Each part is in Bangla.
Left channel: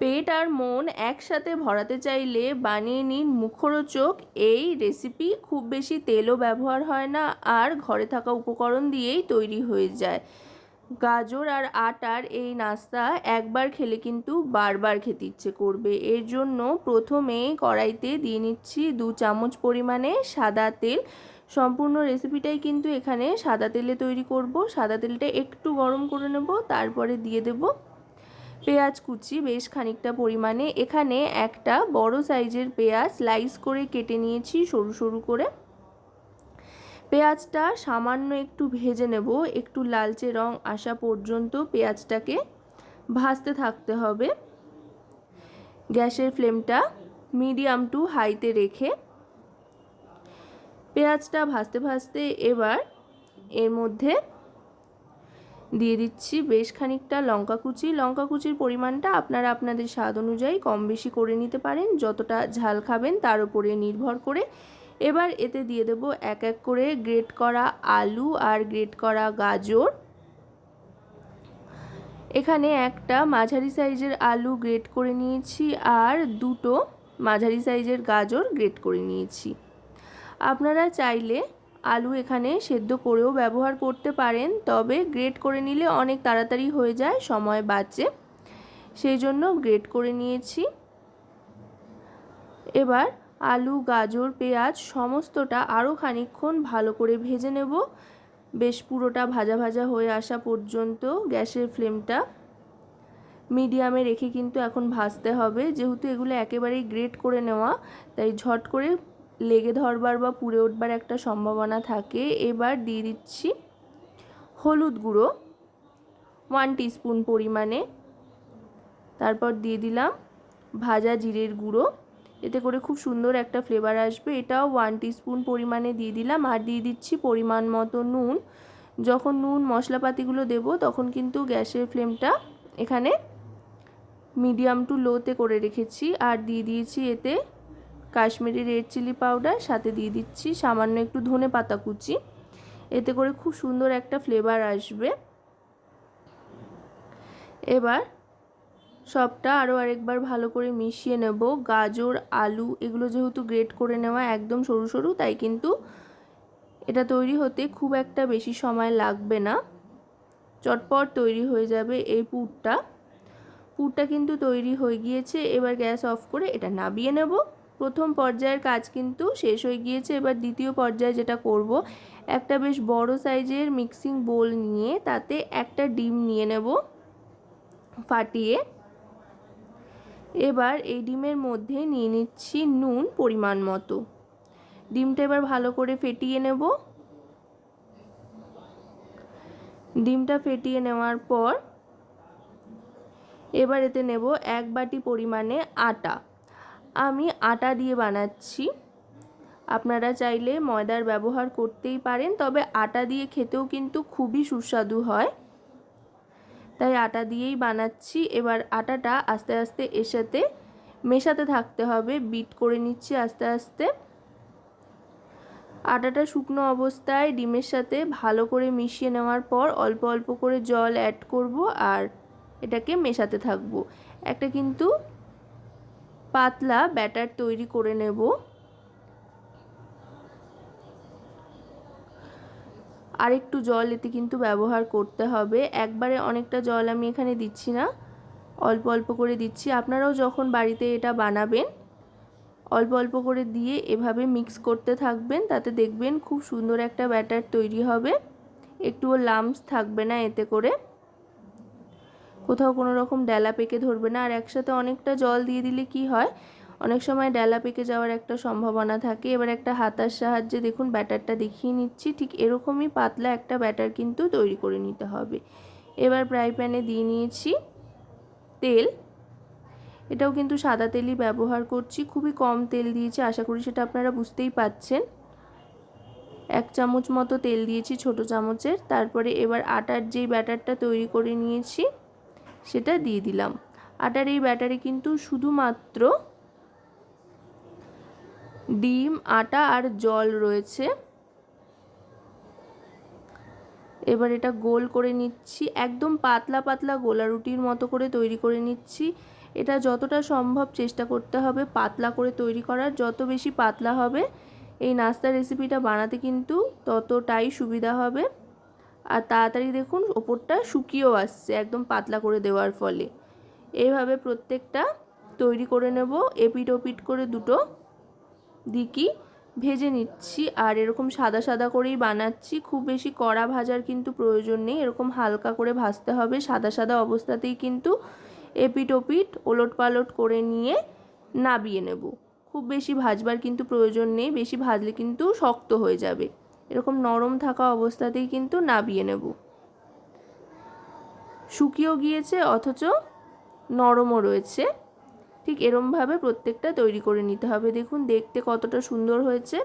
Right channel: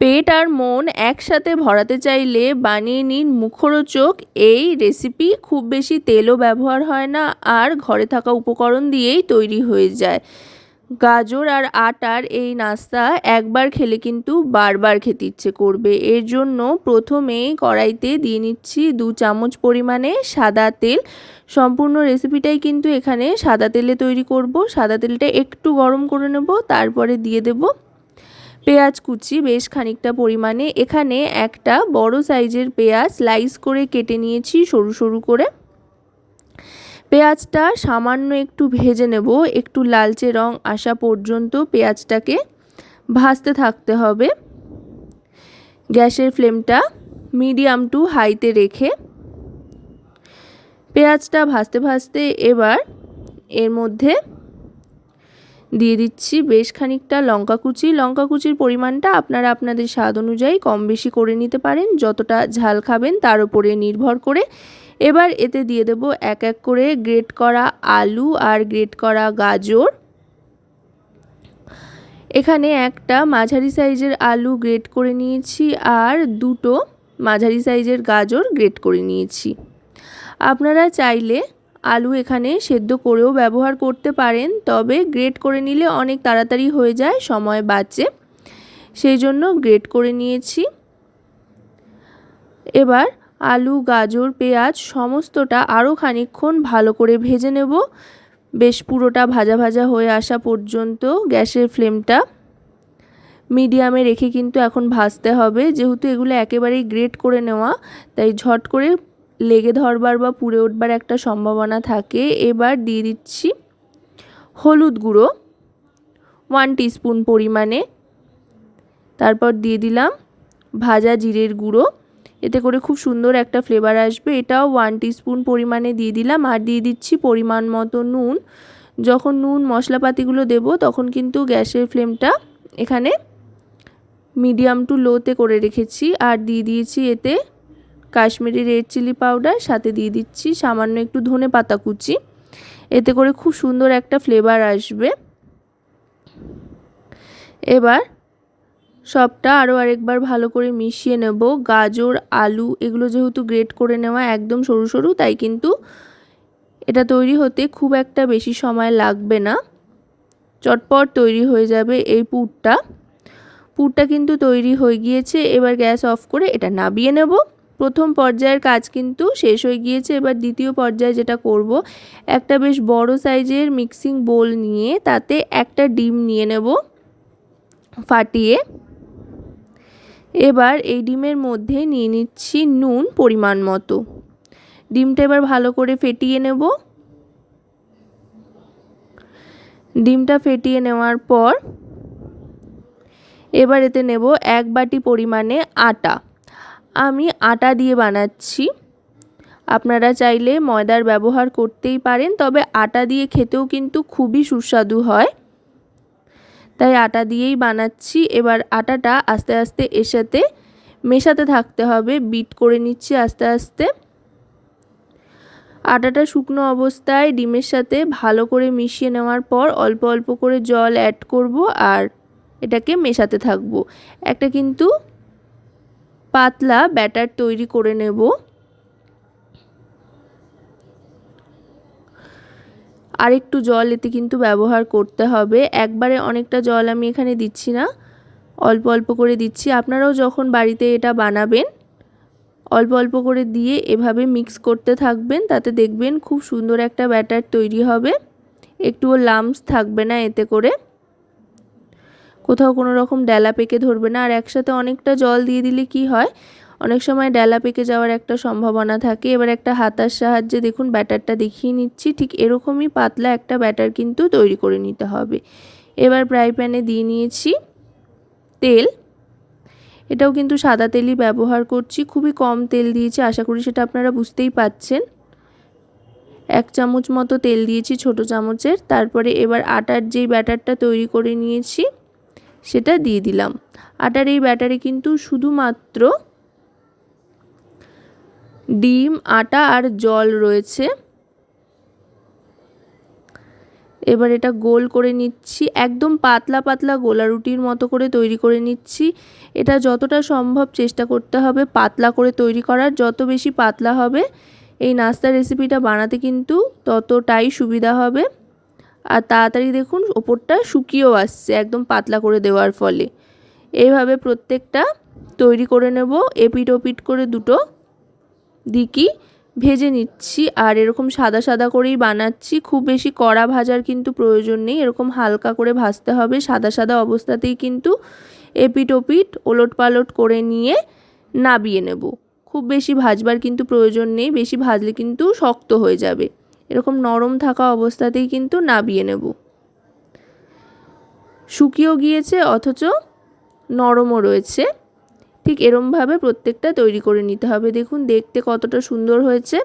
পেট আর মন একসাথে ভরাতে চাইলে বানিয়ে নিন মুখরোচক। এই রেসিপি খুব বেশি তেলও ব্যবহার হয় না আর ঘরে থাকা উপকরণ দিয়েই তৈরি হয়ে যায়। গাজর আর আটার এই নাস্তা একবার খেলে কিন্তু বারবার খেতে ইচ্ছে করবে। এর জন্য প্রথমে কড়াইতে দিয়ে নিচ্ছি দু চামচ পরিমাণে সাদা তেল। সম্পূর্ণ রেসিপিটাই কিন্তু এখানে সাদা তেলে তৈরি করব। সাদা তেলটা একটু গরম করে নেব, তারপরে দিয়ে দেবো পেঁয়াজ কুচি বেশ খানিকটা পরিমাণে। এখানে একটা বড় সাইজের পেঁয়াজ স্লাইস করে কেটে নিয়েছি সরু সরু করে। পেঁয়াজটা সামান্য একটু ভেজে নেব। একটু লালচে রং আসা পর্যন্ত পেঁয়াজটাকে ভাজতে থাকতে হবে। গ্যাসের ফ্লেমটা মিডিয়াম টু হাইতে রেখে পেঁয়াজটা ভাজতে ভাজতে এবার এর মধ্যে দিয়ে দিচ্ছি বেশ খানিকটা লঙ্কা কুচি। লঙ্কা কুচির পরিমাণটা আপনারা আপনাদের স্বাদ অনুযায়ী কম বেশি করে নিতে পারেন। যতটা ঝাল খাবেন তার উপরে নির্ভর করে। এবার এতে দিয়ে দেব এক এক করে গ্রেট করা আলু আর গ্রেট করা গাজর। এখানে একটা মাঝারি সাইজের আলু গ্রেট করে নিয়েছি আর দুটো মাঝারি সাইজের গাজর গ্রেট করে নিয়েছি। আপনারা চাইলে আলু এখানে সেদ্ধ করেও ব্যবহার করতে পারেন, তবে গ্রেট করে নিলে অনেক তাড়াতাড়ি হয়ে যায়, সময় বাঁচে। সেই জন্য গ্রেট করে নিয়েছি। এবার আলু, গাজর, পেঁয়াজ সমস্তটা আরও খানিক্ষণ ভালো করে ভেজে নেব। বেশ পুরোটা ভাজা ভাজা হয়ে আসা পর্যন্ত গ্যাসের ফ্লেমটা মিডিয়ামে রেখে কিন্তু এখন ভাজতে হবে। যেহেতু এগুলো একেবারেই গ্রেট করে নেওয়া, তাই ঝট করে লেগে ধরবার বা পুড়ে উঠবার একটা সম্ভাবনা থাকে, এবার দিয়ে দিচ্ছি হলুদ গুঁড়ো ওয়ান টিস্পুন পরিমাণে। তারপর দিয়ে দিলাম ভাজা জিরের গুঁড়ো, এতে করে খুব সুন্দর একটা ফ্লেভার আসবে। এটাও ওয়ান টিস্পুন পরিমাণে দিয়ে দিলাম, আর দিয়ে দিচ্ছি পরিমাণ মতো নুন। যখন নুন মশলাপাতিগুলো দেব, তখন কিন্তু গ্যাসের ফ্লেমটা এখানে মিডিয়াম টু লোতে করে রেখেছি, আর দিয়ে দিয়েছি এতে কাশ্মীরি রেড চিলি পাউডার সাথে দিয়ে দিচ্ছি সামান্য একটু ধনে পাতা কুচি। এতে করে খুব সুন্দর একটা ফ্লেভার আসবে। এবার সবটা আরও আরেকবার ভালো করে মিশিয়ে নেব। গাজর, আলু এগুলো যেহেতু গ্রেট করে নেওয়া একদম সরু সরু, তাই কিন্তু এটা তৈরি হতে খুব একটা বেশি সময় লাগবে না। চটপট তৈরি হয়ে যাবে এই পুরটা। পুরটা কিন্তু তৈরি হয়ে গিয়েছে। এবার গ্যাস অফ করে এটা নাবিয়ে নেব। প্রথম পর্যায়ের কাজ কিন্তু শেষ হয়ে গিয়েছে। এবার দ্বিতীয় পর্যায়ে যেটা করব, একটা বেশ বড় সাইজের মিক্সিং বোল নিয়ে তাতে একটা ডিম নিয়ে নেব ফাটিয়ে। এবার এই ডিমের মধ্যে নিয়ে নিচ্ছি নুন পরিমাণ মতো। ডিমটা এবার ভালো করে ফেটিয়ে নেব। ডিমটা ফেটিয়ে নেওয়ার পর এবার এতে নেব এক বাটি পরিমাণে আটা। আমি আটা দিয়ে বানাচ্ছি। আপনারা চাইলে ময়দার ব্যবহার করতেই পারেন, তবে আটা দিয়ে খেতেও কিন্তু খুবই সুস্বাদু হয়। তাই আটা দিয়েই বানাচ্ছি। এবার আটাটা আস্তে আস্তে এর সাথে মেশাতে থাকতে হবে। বিট করে নিচ্ছি আস্তে আস্তে। আটাটা শুকনো অবস্থায় ডিমের সাথে ভালো করে মিশিয়ে নেওয়ার পর অল্প অল্প করে জল অ্যাড করব আর এটাকে মেশাতে থাকব। একটা কিন্তু পাতলা ব্যাটার তৈরি করে নেব। আর একটু জল এতে কিন্তু ব্যবহার করতে হবে। একবারে অনেকটা জল আমি এখানে দিচ্ছি না। অল্প অল্প করে দিচ্ছি। আপনারাও যখন বাড়িতে এটা বানাবেন, অল্প অল্প করে দিয়ে এভাবে মিক্স করতে থাকবেন, তাতে দেখবেন খুব সুন্দর একটা ব্যাটার তৈরি হবে। একটুও লামস থাকবে না এতে করে। কোথাও কোনো রকম ডেলা পেকে ধরবে না। আর একসাথে অনেকটা জল দিয়ে দিলে কি হয়? অনেক সময় ডেলা পেকে যাওয়ার একটা সম্ভাবনা থাকে। এবার একটা হাতার সাহায্যে দেখুন, ব্যাটারটা দেখিয়ে নিচ্ছি। ঠিক এরকমই পাতলা একটা ব্যাটার কিন্তু তৈরি করে নিতে হবে। এবার ফ্রাই প্যানে দিয়ে নিয়েছি তেল। এটাও কিন্তু সাদা তেলই ব্যবহার করছি। খুবই কম তেল দিয়েছি, আশা করি সেটা আপনারা বুঝতেই পাচ্ছেন। এক চামচ মতো তেল দিয়েছি ছোট চামচের। তারপরে এবার আটার যেই ব্যাটারটা তৈরি করে নিয়েছি সেটা দিয়ে দিলাম। আটার এই ব্যাটারে কিন্তু শুধুমাত্র ডিম, আটা আর জল রয়েছে। এবার এটা গোল করে নিচ্ছি, একদম পাতলা পাতলা গোলা রুটির মতো করে তৈরি করে নিচ্ছি। এটা যতটা সম্ভব চেষ্টা করতে হবে পাতলা করে তৈরি করার, যত বেশি পাতলা হবে এই নাস্তা রেসিপিটা বানাতে কিন্তু ততটাই সুবিধা হবে। আর তাড়াতাড়ি দেখুন, ওপরটা শুকিয়েও আসছে, একদম পাতলা করে দেওয়ার ফলে। এইভাবে প্রত্যেকটা তৈরি করে নেব এপিট ওপিট করে দুটো দিকই ভেজে নিচ্ছি, আর এরকম সাদা সাদা করেই বানাচ্ছি। খুব বেশি কড়া ভাজার কিন্তু প্রয়োজন নেই, এরকম হালকা করে ভাজতে হবে। সাদা সাদা অবস্থাতেই কিন্তু এপিট ওপিট ওলট পালট করে নিয়ে নাবিয়ে নেব। খুব বেশি ভাজবার কিন্তু প্রয়োজন নেই, বেশি ভাজলে কিন্তু শক্ত হয়ে যাবে। এরকম নরম থাকা অবস্থাতেই কিন্তু নাবিয়ে নেব। শুকিয়েও গিয়েছে, অথচ নরমও রয়েছে। ঠিক এরমভাবে প্রত্যেকটা তৈরি করে নিতে হবে। দেখুন, দেখতে কতটা সুন্দর হয়েছে।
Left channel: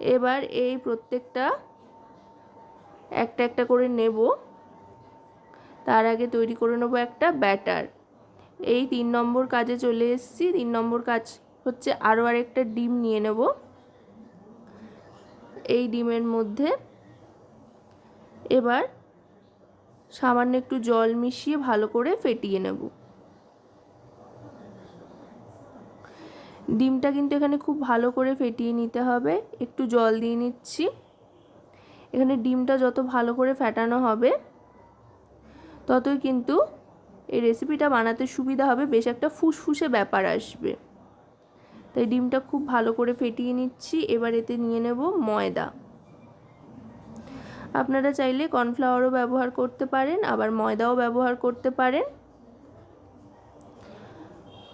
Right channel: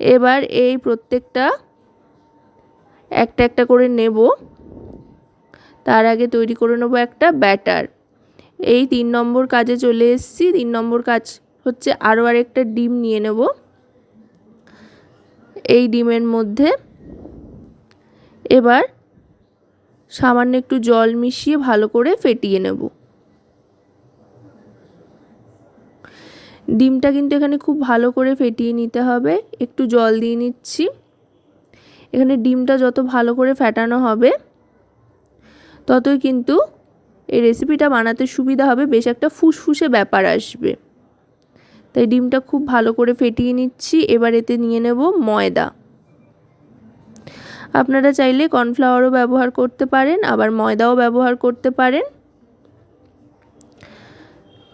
এবার এই প্রত্যেকটা একটা একটা করে নেব। তার আগে তৈরি করে নেব একটা ব্যাটার। এই তিন নম্বর কাজে চলে এসেছি। তিন নম্বর কাজ হচ্ছে আরও আরেকটা ডিম নিয়ে নেব। এই ডিমের মধ্যে এবার সামান্য একটু জল মিশিয়ে ভালো করে ফেটিয়ে নেব। ডিমটা কিন্তু এখানে খুব ভালো করে ফেটিয়ে নিতে হবে। একটু জল দিয়ে নিচ্ছি। এখানে ডিমটা যত ভালো করে ফেটানো হবে, ততই কিন্তু এই রেসিপিটা বানাতে সুবিধা হবে। বেশ একটা ফুসফুসে ব্যাপার আসবে। তাই ডিমটা খুব ভালো করে ফেটিয়ে নিচ্ছি। এবার এতে নিয়ে নেব ময়দা। আপনারা চাইলে কর্নফ্লাওয়ারও ব্যবহার করতে পারেন, আবার ময়দাও ব্যবহার করতে পারেন।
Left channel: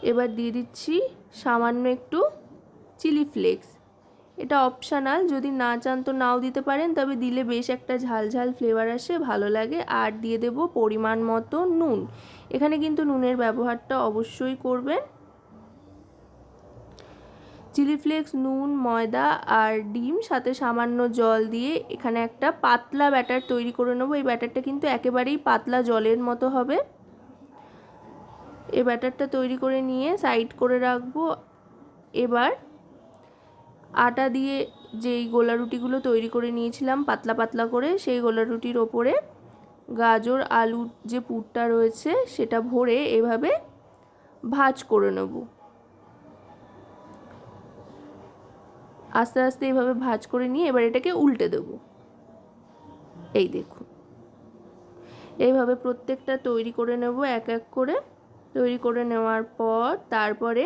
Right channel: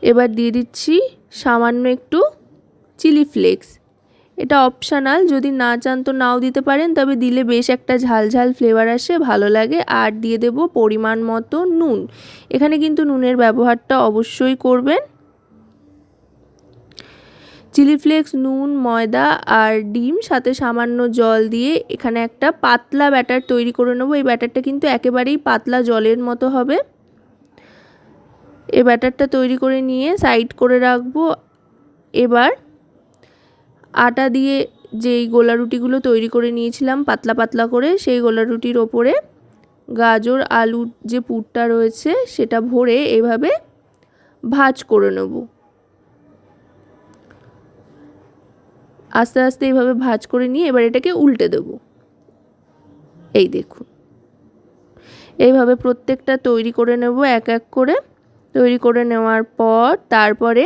এবার দিয়ে দিচ্ছি সামান্য একটু চিলি ফ্লেক্স। এটা অপশানাল, যদি না চান তো নাও দিতে পারেন, তবে দিলে বেশ একটা ঝাল ঝাল ফ্লেভার আসে, ভালো লাগে। আর দিয়ে দেব পরিমাণ মতো নুন। এখানে কিন্তু নুনের ব্যবহারটা অবশ্যই করবেন। চিলি ফ্লেক্স, নুন, ময়দা আর ডিম, সাথে সামান্য জল দিয়ে এখানে একটা পাতলা ব্যাটার তৈরি করে নেব। এই ব্যাটারটা কিন্তু একেবারেই পাতলা জলের মতো হবে। এই ব্যাটারটা তৈরি করে নিয়ে সাইড করে রাখব। এবার আটা দিয়ে যেই গোলা রুটিগুলো তৈরি করে নিয়েছিলাম পাতলা পাতলা করে, সেই গোলা রুটির ওপরে গাজর, আলুর যে পুরটা রয়েছে সেটা ভরে এভাবে ভাজ করে নেব। আস্তে আস্তে এইভাবে ভাজ করে নিয়ে এবার এটাকে উল্টে দেব। এই দেখুন। এইভাবে প্রত্যেকটা তৈরি করে নেব এক এক করে। তৈরি করে নেওয়ার পর তারপরে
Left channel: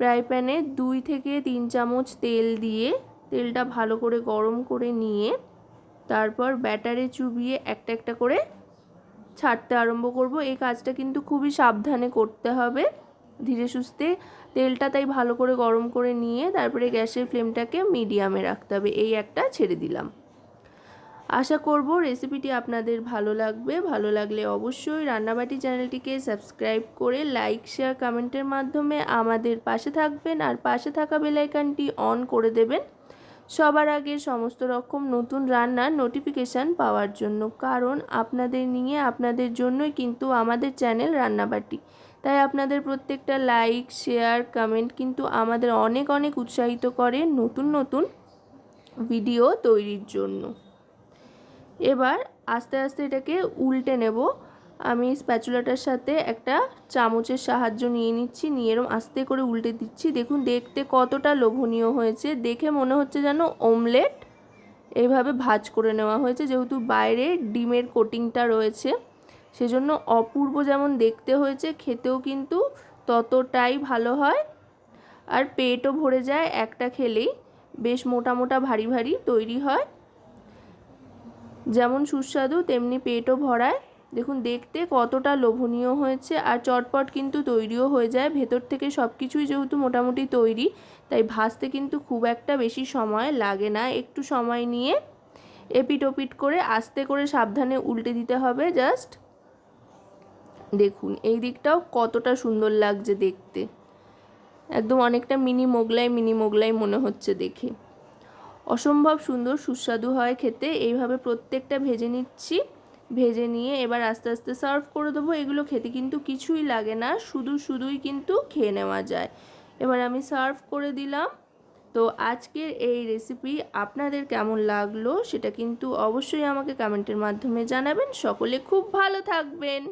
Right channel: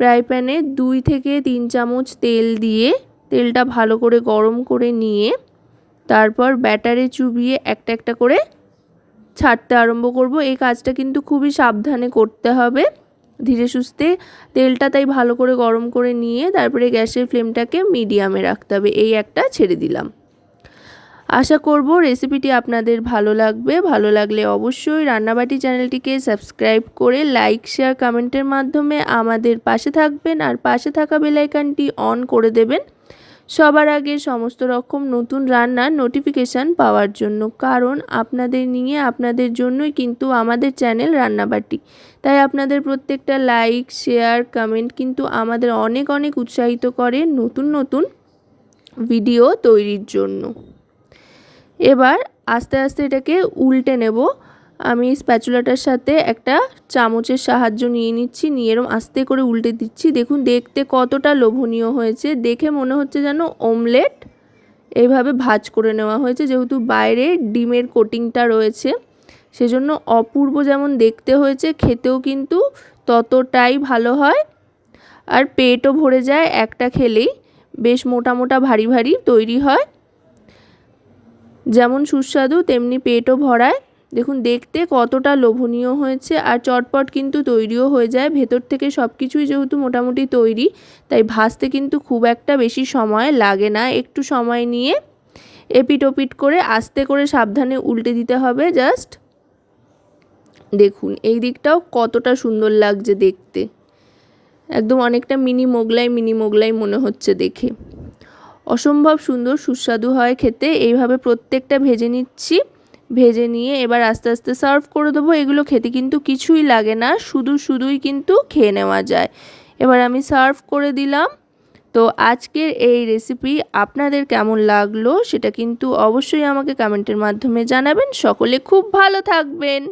ফ্রাই প্যানে দুই থেকে তিন চামচ তেল দিয়ে তেলটা ভালো করে গরম করে নিয়ে তারপর ব্যাটারে চুবিয়ে একটা একটা করে ছাড়তে আরম্ভ করব। এই কাজটা কিন্তু খুবই সাবধানে করতে হবে। ধীরে সুস্থে তেলটা তাই ভালো করে গরম করে নিয়ে তারপরে গ্যাসের ফ্লেমটাকে মিডিয়ামে রাখতে হবে। এই একটা ছেড়ে দিলাম। আশা করব রেসিপিটি আপনাদের ভালো লাগবে। ভালো লাগলে অবশ্যই রান্নাবাটি চ্যানেলটিকে সাবস্ক্রাইব করে লাইক, শেয়ার, কমেন্টের মাধ্যমে আমাদের পাশে থাকবেন আর পাশে থাকা বেলাইকানটি অন করে দেবেন। সবার আগে সমস্ত রকম নতুন রান্নার নোটিফিকেশান পাওয়ার জন্য, কারণ আপনাদের নিয়ে, আপনাদের জন্যই কিন্তু আমাদের চ্যানেল রান্নাবাটি। তাই আপনাদের প্রত্যেকটা লাইক শেয়ার কমেন্ট কিন্তু আমাদের অনেক অনেক উৎসাহিত করে নতুন নতুন ভিডিও তৈরির জন্য। এবার আস্তে আস্তে এটাকে উল্টে নেব। আমি স্প্যাচুলাটার সাথে একটা চামচের সাহায্য নিয়ে নিচ্ছি, নিয়ে এরম আস্তে করে উল্টে দিচ্ছি। দেখুন, দেখতে কতটা লোভনীয় হয়েছে। দেখে মনে হচ্ছে যেন ওমলেট এইভাবে ভাজ করে নেওয়া হয়েছে, যেহেতু বাইরে ডিমের কোটিংটা রয়েছে। সেজন্য অপূর্ব যেমন দেখতে হয়েছে, খেতেও কিন্তু ততটাই ভালো হয়। আর পেটও ভরে যায় একটা খেলেই, বেশ মোটা মোটা ভারী ভারী তৈরি হয়। যেমন সুস্বাদু, তেমনি পেটও ভরায়। দেখুন, দেখতে কতটা লোভনীয় হয়েছে আর চটপট কিন্তু তৈরিও হয়ে যায়। ভেতর থেকে সব কিছুই যেহেতু মোটামুটি তৈরি, তাই ভাজতে কিন্তু খুব একটা বেশি সময় লাগে না। একটু সময় নিয়ে এপিট ওপিট করে আস্তে করে সাবধানে উল্টে দিতে হবে জাস্ট। দেখুন, এই দিকটাও কতটা সুন্দর লাগছে দেখতে। একদম অনেকটা মিনি মোগলাই মিনি মোগলাই মনে হচ্ছে দেখে। অসম্ভব সুন্দর, সুস্বাদু হয় খেতে। এইভাবে প্রত্যেকটা ভেজে নিচ্ছি। ভেজে নিয়ে এবার আস্তে আস্তে সার্ভ করে দেবো। এগুলো খেতে কিন্তু কিছুই লাগে না, শুধু শুধুই কিন্তু খেয়ে নেওয়া যায়। এবার আমি সার্ভ করে দিলাম। তো আজকের এই রেসিপি আপনাদের কেমন লাগল সেটা কিন্তু অবশ্যই আমাকে কমেন্টের মাধ্যমে জানাবেন। সকলে খুব ভালো থাকবেন।